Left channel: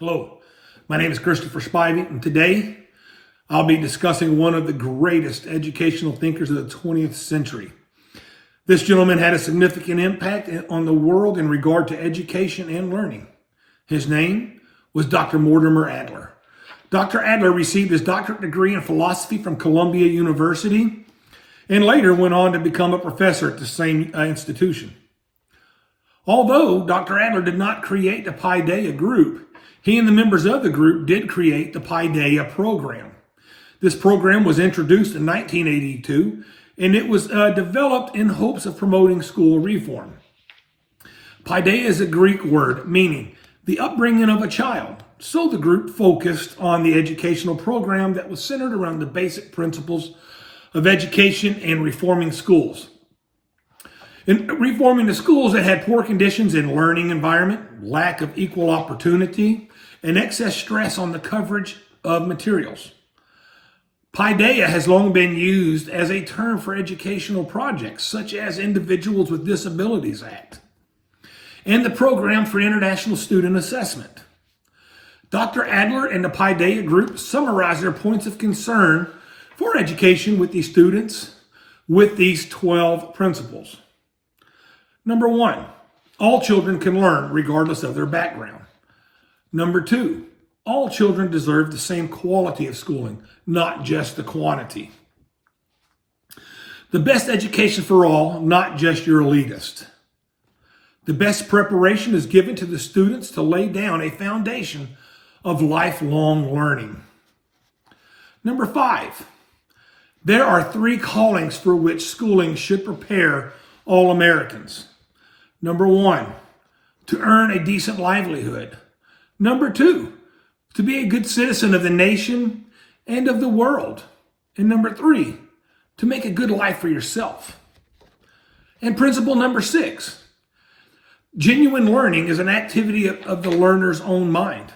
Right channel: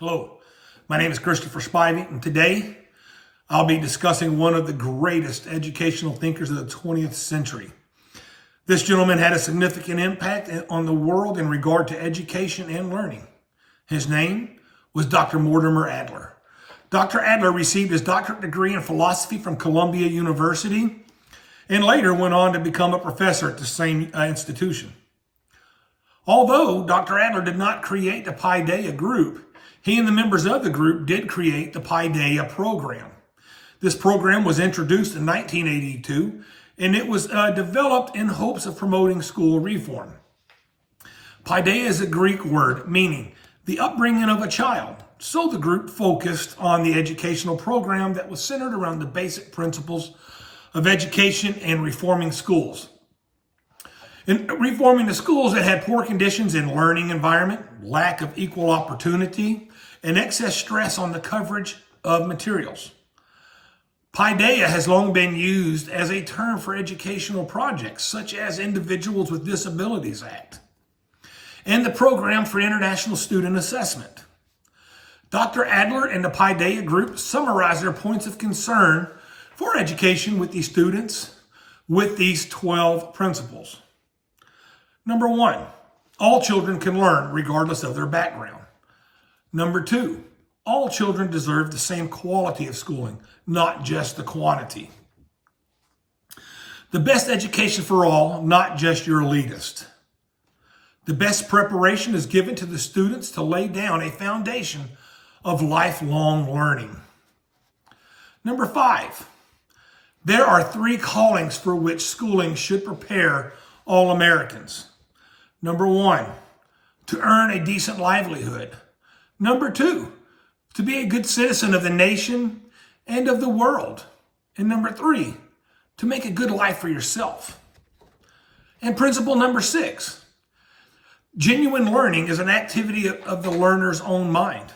Hello, my name is Christopher Spivey, and today I'll be discussing one of the greatest educational thinkers of the 20th century. This gentleman had a significant impact on the world in regard to education and learning. His name was Dr. Mortimer Adler. Dr. Adler received his doctorate degree in philosophy from Columbia University and later went on to become a professor at the same institution. Although Dr. Adler did not create the Paideia group, he and the members of the group did create the Paideia program. This program was introduced in 1982, and it was developed in hopes of promoting school reform. Paideia is a Greek word meaning the upbringing of a child. So the group focused on the educational program that was centered around the basic principles of education and reforming schools. In reforming the schools that had poor conditions in learning environment, lack of equal opportunity, and excess stress on the coverage of materials. Paideia has long been used as a term for educational projects, such as Individuals with Disabilities Act and the Program for International Student Assessment. Dr. Adler and the Paideia group summarized their points of concern for education with these students with these 12 principles. Number 1, all children can learn regardless of their background. Number 2, all children deserve the same quality of schooling, not just the quantity. The best education for all, not just your elitist. The best preparation is given to the students to lay down a foundation of lifelong learning. Number 5, there are 3 callings for which schooling should prepare all Americans. Number 1, to earn a decent livelihood. Number 2, to be a good citizen of the nation and of the world. And number 3, to make a good life for yourself. And principle number 6, genuine learning is an activity of the learner's own mind,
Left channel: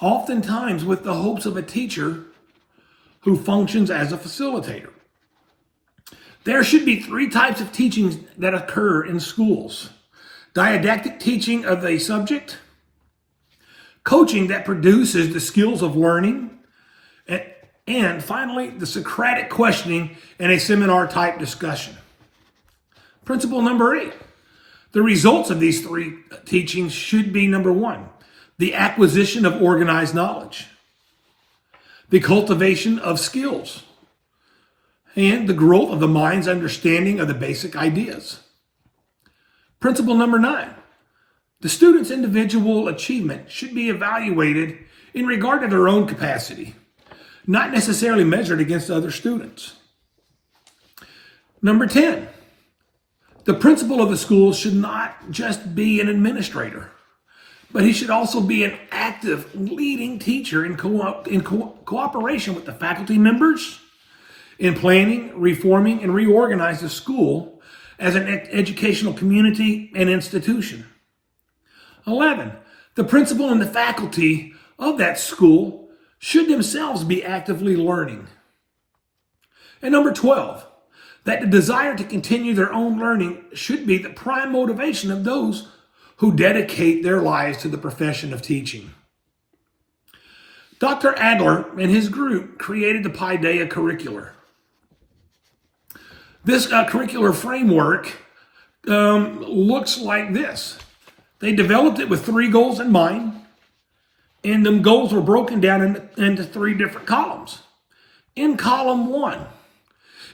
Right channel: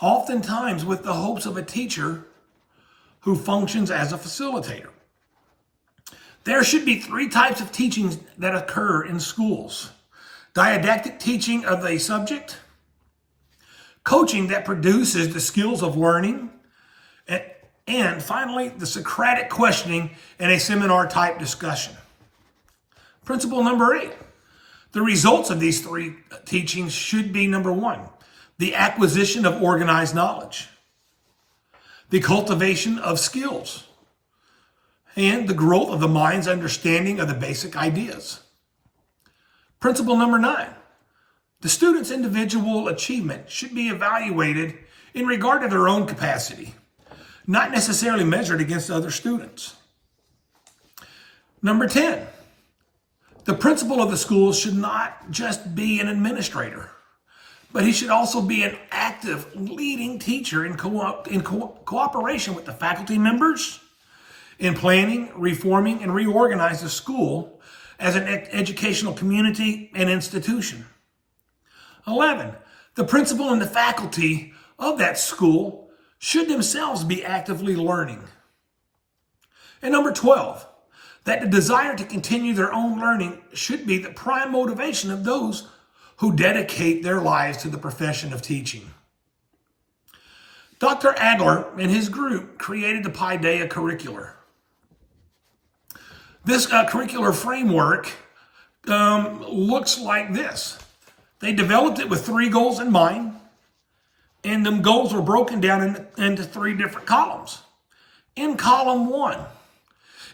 oftentimes with the hopes of a teacher who functions as a facilitator. There should be 3 types of teachings that occur in schools: didactic teaching of a subject, coaching that produces the skills of learning, and finally, the Socratic questioning and a seminar-type discussion. Principle number 8, the results of these 3 teachings should be, number 1, the acquisition of organized knowledge, the cultivation of skills, and the growth of the mind's understanding of the basic ideas. Principle number 9, the student's individual achievement should be evaluated in regard to their own capacity, not necessarily measured against other students. Number 10, the principal of the school should not just be an administrator, but he should also be an active, leading teacher in cooperation with the faculty members in planning, reforming, and reorganize the school as an educational community and institution. 11, the principal and the faculty of that school should themselves be actively learning. And number 12, that the desire to continue their own learning should be the prime motivation of those who dedicate their lives to the profession of teaching. Dr. Adler and his group created the Paideia curricular. This curricular framework looks like this. They developed it with 3 goals in mind, and them goals were broken down into 3 different columns. In column 1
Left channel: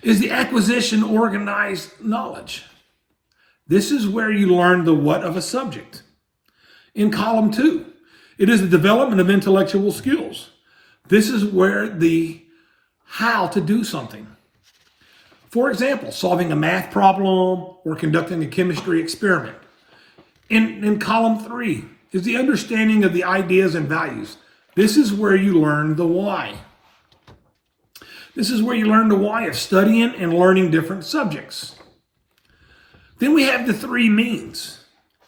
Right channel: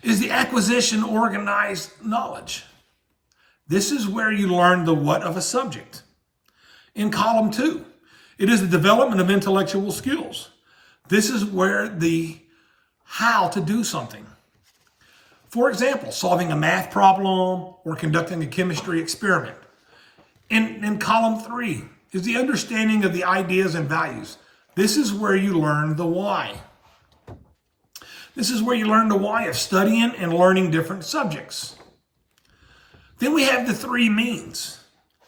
is the acquisition of organized knowledge. This is where you learn the what of a subject. In column 2, it is the development of intellectual skills. This is where the how to do something. For example, solving a math problem or conducting a chemistry experiment. In column 3 is the understanding of the ideas and values. This is where you learn the why. This is where you learn the why of studying and learning different subjects. Then we have the 3 means.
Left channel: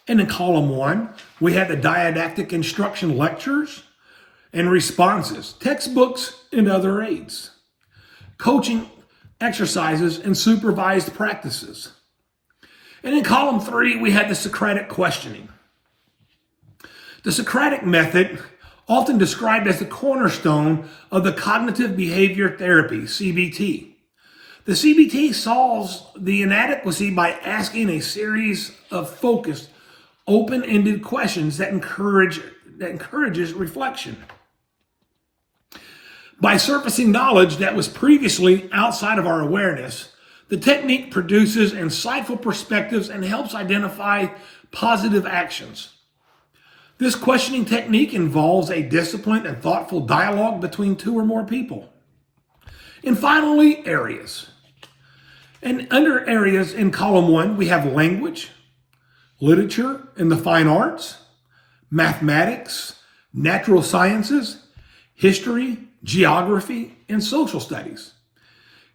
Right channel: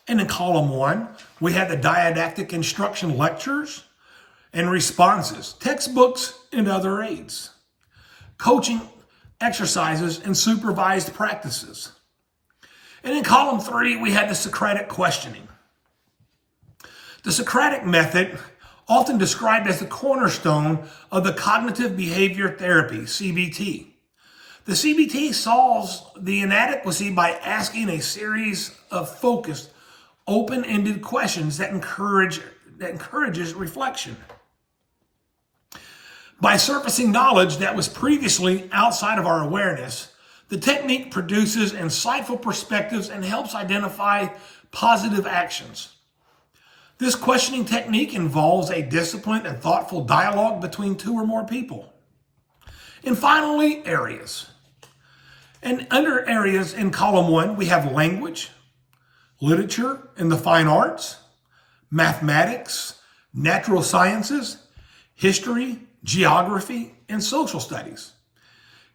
And in column 1, we have the didactic instruction lectures and responses, textbooks and other aids, coaching exercises and supervised practices. And in column 3, we had the Socratic questioning. The Socratic method often described as the cornerstone of the cognitive behavior therapy, CBT. The CBT solves the inadequacy by asking a series of focused, open-ended questions that encourages reflection. By surfacing knowledge that was previously outside of our awareness, the technique produces insightful perspectives and helps identify positive actions. This questioning technique involves a disciplined and thoughtful dialogue between two or more people. And finally, areas. And under areas in column 1, we have language, literature and the fine arts, mathematics, natural sciences, history, geography, and social studies.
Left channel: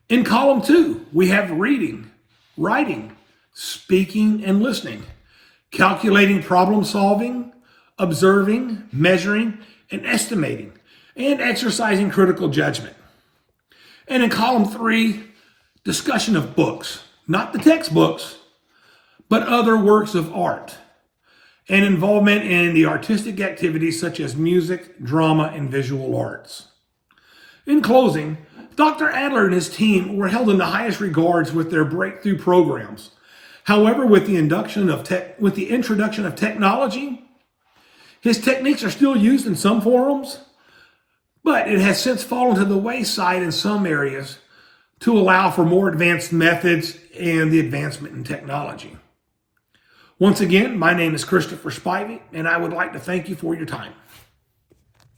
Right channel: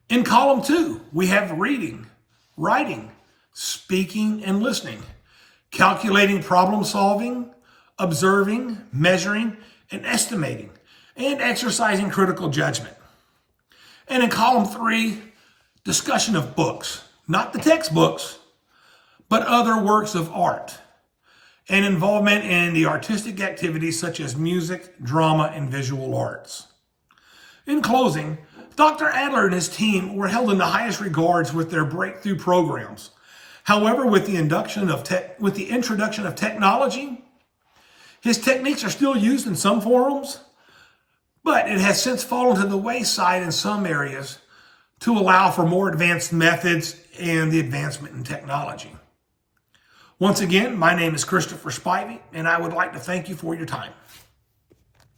In column 2, we have reading, writing, speaking and listening, calculating problem solving, observing, measuring, and estimating, and exercising critical judgment. And in column 3, discussion of books, not the textbooks, but other works of art, and involvement in the artistic activities such as music, drama, and visual arts. In closing, Dr. Adler and his team were held in the highest regards with their breakthrough programs. However, with the introduction of technology, his techniques are still used in some forums, but it has since fallen to the wayside in some areas to allow for more advanced methods and the advancement in technology. Once again, my name is Christopher Spivey, and I would like to thank you for your time.